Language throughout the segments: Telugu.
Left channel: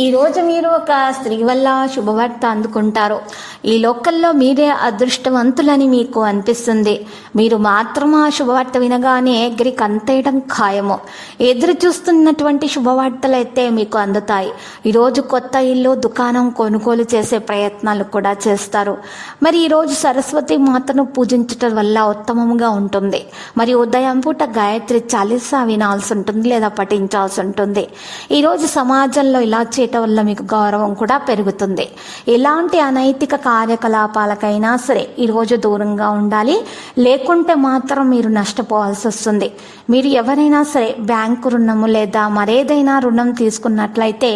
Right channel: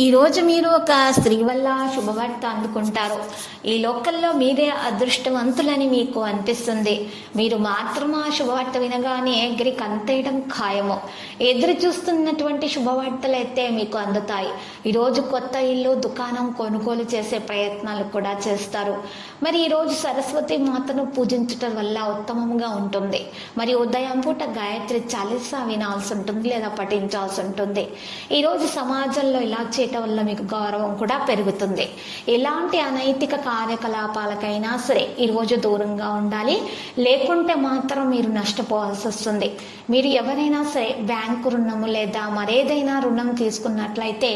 ఈరోజు మీరు ఒక స్త్రీ వల్ల శుభవార్త అందుకుంటారు ఈ లోకల్లో మీరే అదృష్టవంతులని మీకు అనిపిస్తుంది. మీరు మాత్రం ఆ శుభవార్త వినగానే ఎగిరి అంతేయడం ఖాయము. ఎదురు చూస్తున్నటువంటి శుభవార్తలైతే మీకు అందుతాయి. ఈరోజు కొత్త ఇల్లు దుకాణం కొనుగోలు చేసే ప్రయత్నాలు కూడా చేస్తారు. మరి ఈరోజు సరస్వతి మాతను పూజించటం వల్ల ఉత్తమంగా ఉంటుంది. మరి ఉదయం పూట గాయత్రి చాలీసా వినాల్సి ఉంటుంది లేదా పఠించాల్సి ఉంటుంది. ఈరోజు సమాజంలో ఇలా చేయటం వల్ల మీకు గౌరవం కూడా పెరుగుతుంది. ఎలాంటి అనైతిక కార్యకలాపాలకైనా సరే ఈరోజు దూరంగా ఉండాలి. లేకుంటే మాత్రం మీరు నష్టపోవాల్సి వస్తుంది. మీరు ఎవరైనా సరే బ్యాంకు రుణము లేదా మరేదైనా రుణం తీసుకున్నట్లయితే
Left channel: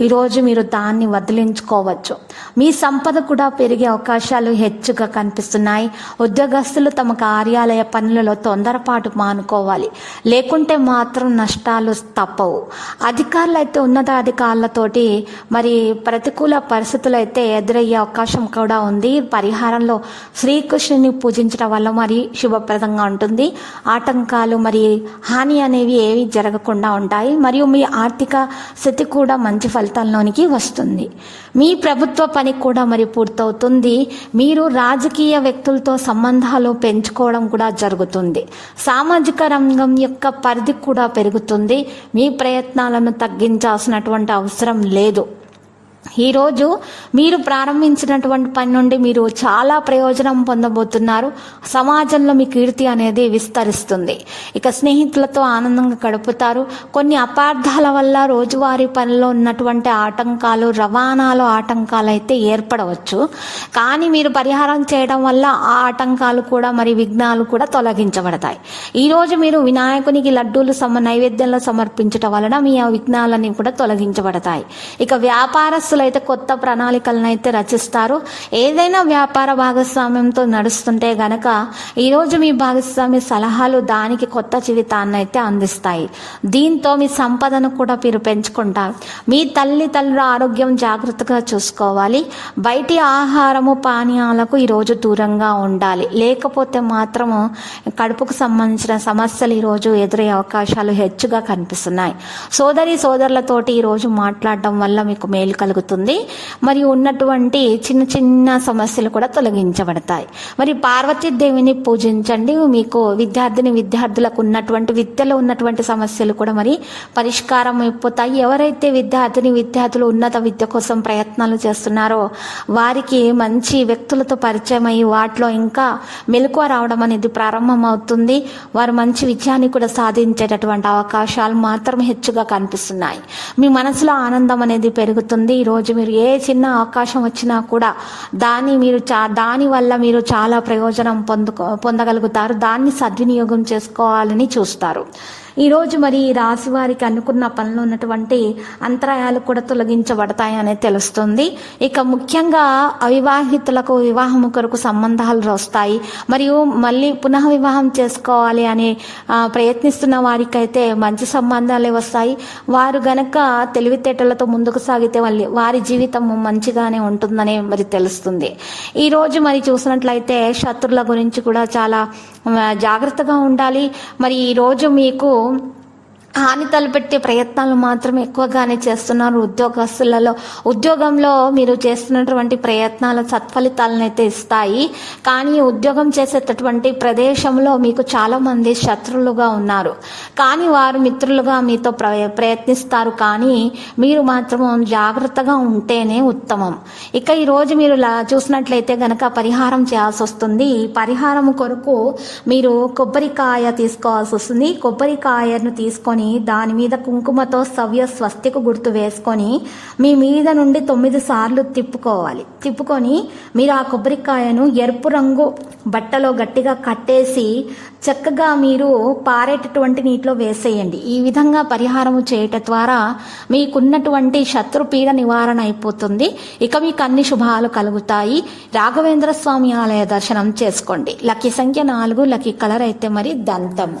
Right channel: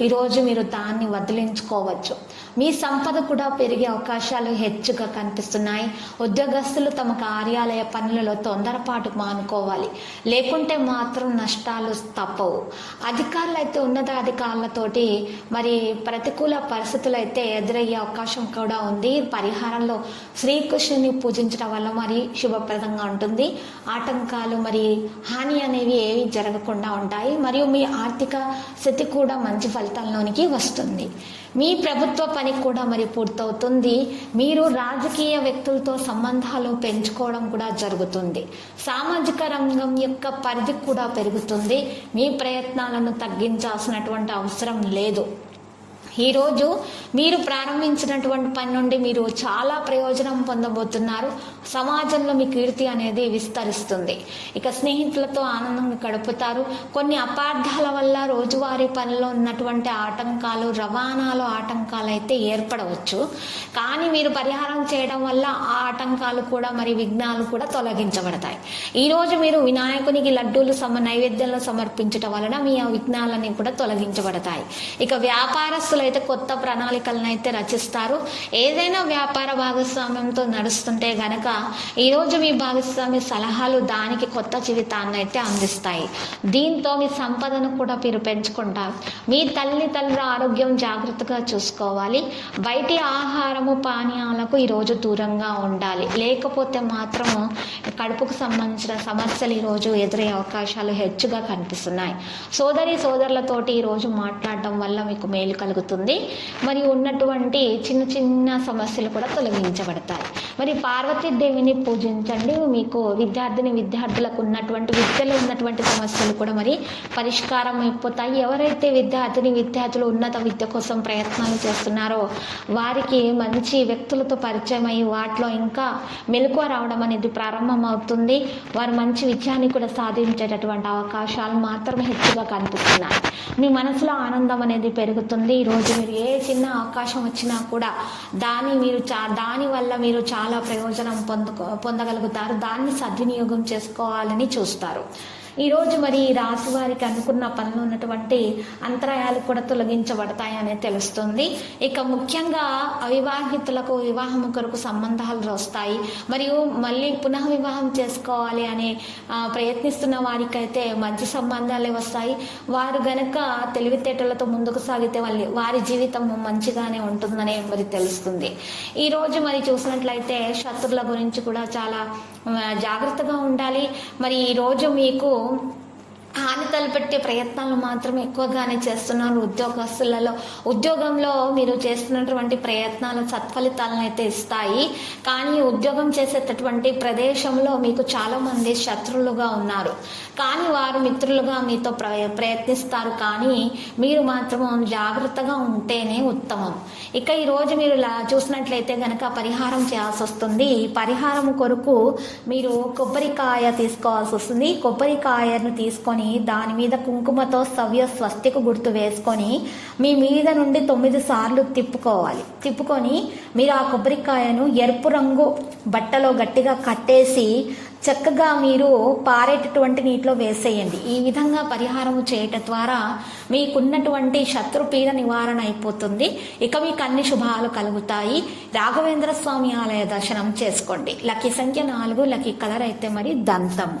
ఈరోజు మీరు దాన్ని వదిలించుకోవచ్చు. మీ సంపద కూడా పెరిగే అవకాశాలు హెచ్చుగా కనిపిస్తున్నాయి. ఉద్యోగస్తులు తమ కార్యాలయ పనులలో తొందరపాటు మానుకోవాలి. లేకుంటే మాత్రం నష్టాలు తప్పవు. అధికారులు అయితే ఉన్నతాధికారులతోటి మరి ప్రతికూల పరిస్థితులు అయితే ఎదురయ్యే అవకాశం కూడా ఉంది. పరిహారంలో శ్రీకృష్ణుని పూజించడం వల్ల మరి శుభప్రదంగా ఉంటుంది. ఆటంకాలు మరి హాని అనేవి ఏవి జరగకుండా ఉంటాయి. మరియు మీ ఆర్థిక స్థితి కూడా మంచి ఫలితాల్లోనికి వస్తుంది. మీ ప్రభుత్వ పని కూడా మరి పూర్తవుతుంది. మీరు రాజకీయ వ్యక్తులతో సంబంధాలు పెంచుకోవడం కూడా జరుగుతుంది. సామాజిక రంగం యొక్క పరిధి కూడా పెరుగుతుంది. మీ ప్రయత్నాలను తగ్గించాల్సినటువంటి అవసరం లేదు. ఈరోజు మీరు ప్రారంభించినటువంటి పని నుండి మీరు చాలా ప్రయోజనం పొందబోతున్నారు. సమాజంలో మీ కీర్తి అనేది విస్తరిస్తుంది. ఇక స్నేహితులతో ఆనందంగా గడుపుతారు. కొన్ని అపార్థాల వల్ల రోజువారీ పనిలో ఉన్నటువంటి ఆటంకాలు రవాణాలో ఆటంకాలు అయితే ఏర్పడవచ్చు. కానీ మీరు పరిహారం చేయడం వల్ల ఆ ఆటంకాలు కూడా మరి విఘ్నాలు కూడా తొలగించబడతాయి. ఈరోజు మీరు వినాయకునికి లడ్డూలు సమ నైవేద్యంలో సమర్పించడం వలన మీ ఆ విఘ్నాలన్నీ కూడా తొలగించబడతాయి. ఇక వ్యాపారస్తులు అయితే కొత్త ప్రణాళికలను అయితే రచిస్తారు. ఏదైనా వ్యాపార భాగస్వామ్యంతో నడుస్తుంటే గనక ఈరోజు మీ భాగస్వామి సలహాలు దానికి కొత్త జీవితాన్ని అయితే అందిస్తాయి. దీంతో మీ సంపదను కూడా మీరు పెంచుకుంటారు. మీ తల్లి తల్లుల ఆరోగ్యం జాగ్రత్తగా చూసుకోవాలి. బయటి ఆహారము పానీయాలకు ఈరోజు దూరంగా ఉండాలి. లేకపోతే మాత్రము కడుపుకు సంబంధించిన సమస్యలు ఈరోజు ఎదురయ్యే అవకాశాలు హెచ్చుగా కనిపిస్తున్నాయి. సోదరి సోదరులతోటి ఈరోజు మాట్లాడడం వల్ల మీకు మేలు కలుగుతుంది. మరియు ఉన్నటువంటి చిన్న చిన్న సమస్యలు కూడా తొలగించబడతాయి. మరి పార్వతీదేవిని పూజించండి. మీకు విద్యార్థిని విద్యార్థులకు ఉన్నటువంటి విద్యలో ఉన్నటువంటి సమస్యలు కూడా మరి పరిష్కారం అయిపోతాయి. ఎవరైతే విద్యార్థిని విద్యార్థులు ఉన్నత విద్య కోసం ప్రయత్నాలు చేస్తున్నారో వారికి మంచి వ్యక్తులతో పరిచయం అయ్యి వాటిలో ఇంకా మెలకువ రావడం అనేది ప్రారంభమవుతుంది. వారు మంచి విజయాన్ని కూడా సాధించేటటువంటి అవకాశాలు మాత్రం హెచ్చుగా కనిపిస్తున్నాయి. మీ మనసులో ఆనందం అనేది పెరుగుతుంది. ఈరోజు మీరు ఏ చిన్న అవకాశం వచ్చినా కూడా దాన్ని మీరు చా దాని వల్ల మీరు చాలా ప్రయోజనం పొందుకో పొందగలుగుతారు. దాన్ని సద్వినియోగం చేసుకోవాలని చూస్తారు. ఈరోజు మరి రాశి వారికి అనుకున్న పనులు ఉన్నటువంటి అంతరాయాలు కూడా తొలగించబడతాయని తెలుస్తుంది. ఇక ముఖ్యంగా అవివాహితులకు వివాహం కొరకు సంబంధాలు వస్తాయి. మరియు మళ్ళీ పునః వివాహం చేసుకోవాలి అని ప్రయత్నిస్తున్న వారికైతే మంచి సంబంధాలే వస్తాయి. వారు గనక తెలివితేటలతో ముందుకు సాగితే వాళ్ళ వారి జీవితం మంచిగానే ఉంటుందని మరి తెలుస్తుంది. ఈరోజు మరి చూసినట్లయితే శత్రుల గురించి కూడా చాలా జాగ్రత్తగా ఉండాలి. మరి ఈరోజు మీకు home హాని తలపెట్టే ప్రయత్నాలు మాత్రం ఎక్కువగానే చేస్తున్నారు ఉద్యోగస్తులలో. ఉద్యోగంలో మీరు చేస్తున్నటువంటి ప్రయత్నాలు సత్ఫలితాలను అయితే ఇస్తాయి. కానీ ఉద్యోగం చేసేటటువంటి ప్రదేశంలో మీకు చాలామంది శత్రులుగా శత్రువులుగా ఉన్నారు. కానీ వారు మిత్రులుగా మీతో ప్ర ప్రయత్నిస్తారు. కానీ మీరు మాత్రం జాగ్రత్తగా ఉంటేనే ఉత్తమం. ఇక ఈరోజు మీరు చూసినట్లయితే గనక పరిహారం చేయాల్సి వస్తుంది. పరిహారం కొరకు మీరు కొబ్బరికాయ తీసుకోవాల్సి వస్తుంది. కొబ్బరికాయను తీసుకొని తీసుకొని దాని మీద కుంకుమతో సవ్య స్వస్తికు గుర్తు వేసుకొని మీ మీద నుండి తొమ్మిది సార్లు తిప్పుకోవాలి. తిప్పుకొని మీరు ఆ కొబ్బరికాయను ఎరుపు రంగు బట్టలో గట్టిగా కట్టేసి చక్కగా మీరు పారేటటువంటి నీటిలో వేసేయండి. ఈ విధంగా పరిహారం చేయటం ద్వారా మీకున్నటువంటి శత్రుపీడ నివారణ అయిపోతుంది. ఇక మీకు అన్ని శుభాలు కలుగుతాయి. రాఘవేంద్ర స్వామి ఆలయ దర్శనం చేసుకోండి. లక్కీ సంఖ్య నాలుగు లక్కీ కలర్ అయితే మరి దంతము.